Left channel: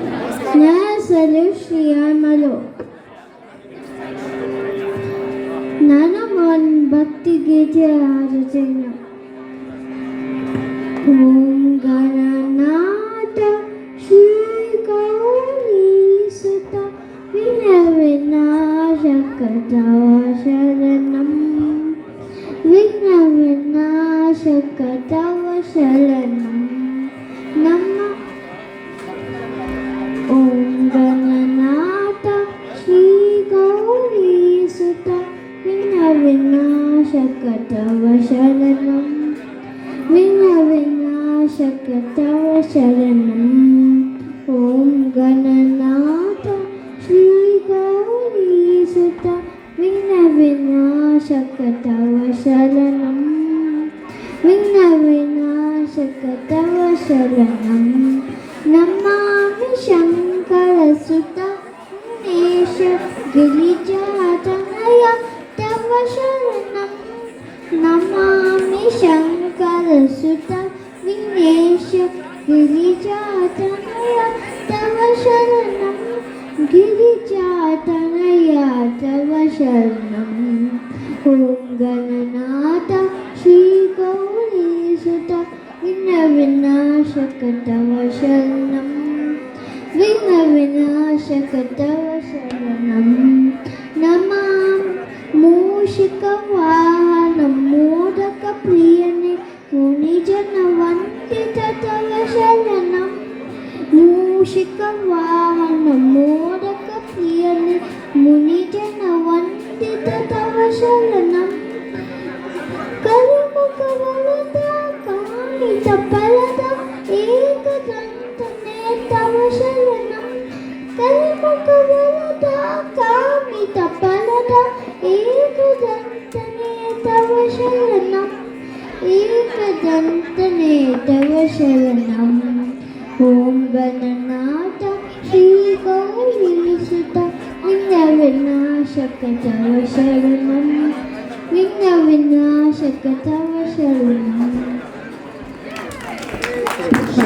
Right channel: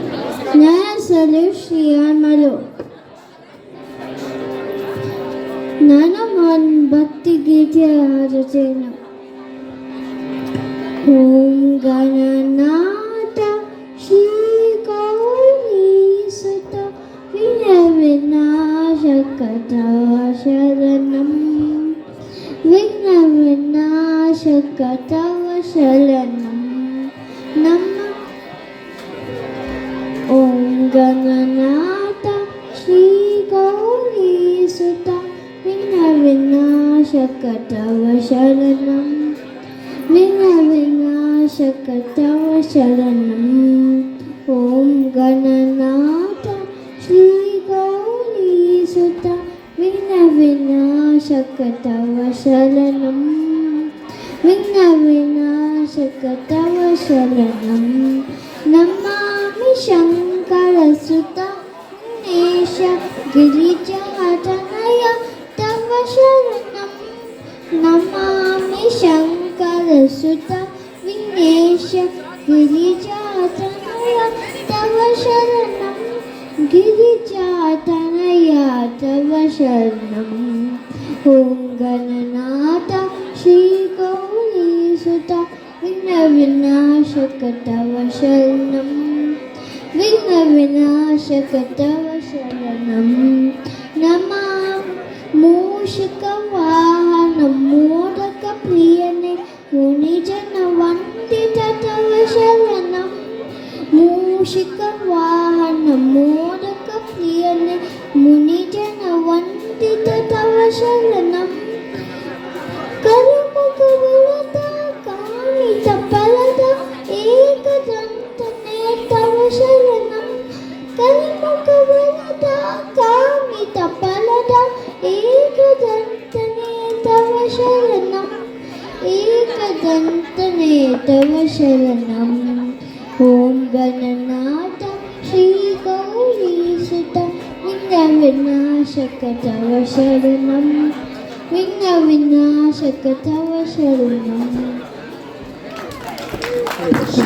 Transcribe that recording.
ನನ್ನ ಹೆಸರು ಶ್ರೀಯಾಮಲು. ನಾನು ಒಂದು ಭಕ್ತಿ ಗೀತೆ ಹಾಡುತ್ತೇನೆ. ಓಂ ಗಣನಾಥ ಶ್ರೀ ಗೌರೀಸುತ ವಿಘ್ನವಿನಾಶಕ ಶರಣಂ. ವಿಘ್ನವಿನಾಶಕ ಶರಣಂ ನಮ್ಮ. ಓಂ ಗಣನಾಥ ಶ್ರೀ ಗೌರೀಸುತ ವಿಘ್ನವಿನಾಶಕ ಶರಣಂ. ವಿಘ್ನವಿನಾಶಕ ಶರಣಂ. ಓಂ ಗಣನಾಥ ಶ್ರೀ ಗೌರೀಸುತ ವಿಘ್ನವಿನಾಶಕ ಶರಣಂ. ವಿಘ್ನವಿನಾಶಕ ಶರಣಂ ನಮಾಮಿ ಶಂಕರ ಸುತ ವಿಘ್ನೇಶ ಗಿರಿಜಾತನಯ ತವ ಶರಣಂ. ನಮಾಮಿ ಶಂಕರ ಸುತ ವಿಘ್ನೇಶ ಗಿರಿಜಾತನಯ ತವ ಶರಣಂ. ಗಿರಿಜಾತನಯ ತವ ಶರಣಂ. ಓಂ ಗಣನಾಥ ಶ್ರೀ ಗೌರೀಸುತ ವಿಘ್ನವಿನಾಶಕ ಶರಣಂ. ವಿಘ್ನವಿನಾಶಕ ಶರಣಂ ನಮಾಮಿ ಮೂಷಿಕ ವಾಹನ ಮೋದಕ ಪ್ರಿಯನೇ ಮುನಿಜನ ವಂದಿತ ತವ ಶರಣಂ. ಮೂಷಿಕ ವಾಹನ ಮೋದಕ ಪ್ರಿಯನೇ ಮುನಿಜನ ವಂದಿತ ತವ ಶರಣಂ. ಕರುಮುಖ ವರದ ಕಾಮಿತ ಫಲದ ಏಕದಂತನೇ ತವ ಶರಣಂ. ಕರುಮುಖ ವರದ ಕಾಮಿತ ಫಲದ ಏಕದಂತನೇ ತವ ಶರಣಂ. ಏಕದಂತನೇ ತವ ಶರಣಂ. ಓಂ ಗಣನಾಥ ಶ್ರೀ ಗೌರೀಸುತ ವಿಘ್ನವಿನಾಶಕ ಶರಣಂ. ವಿಘ್ನವಿನಾಶಕ ಶರಣಂ.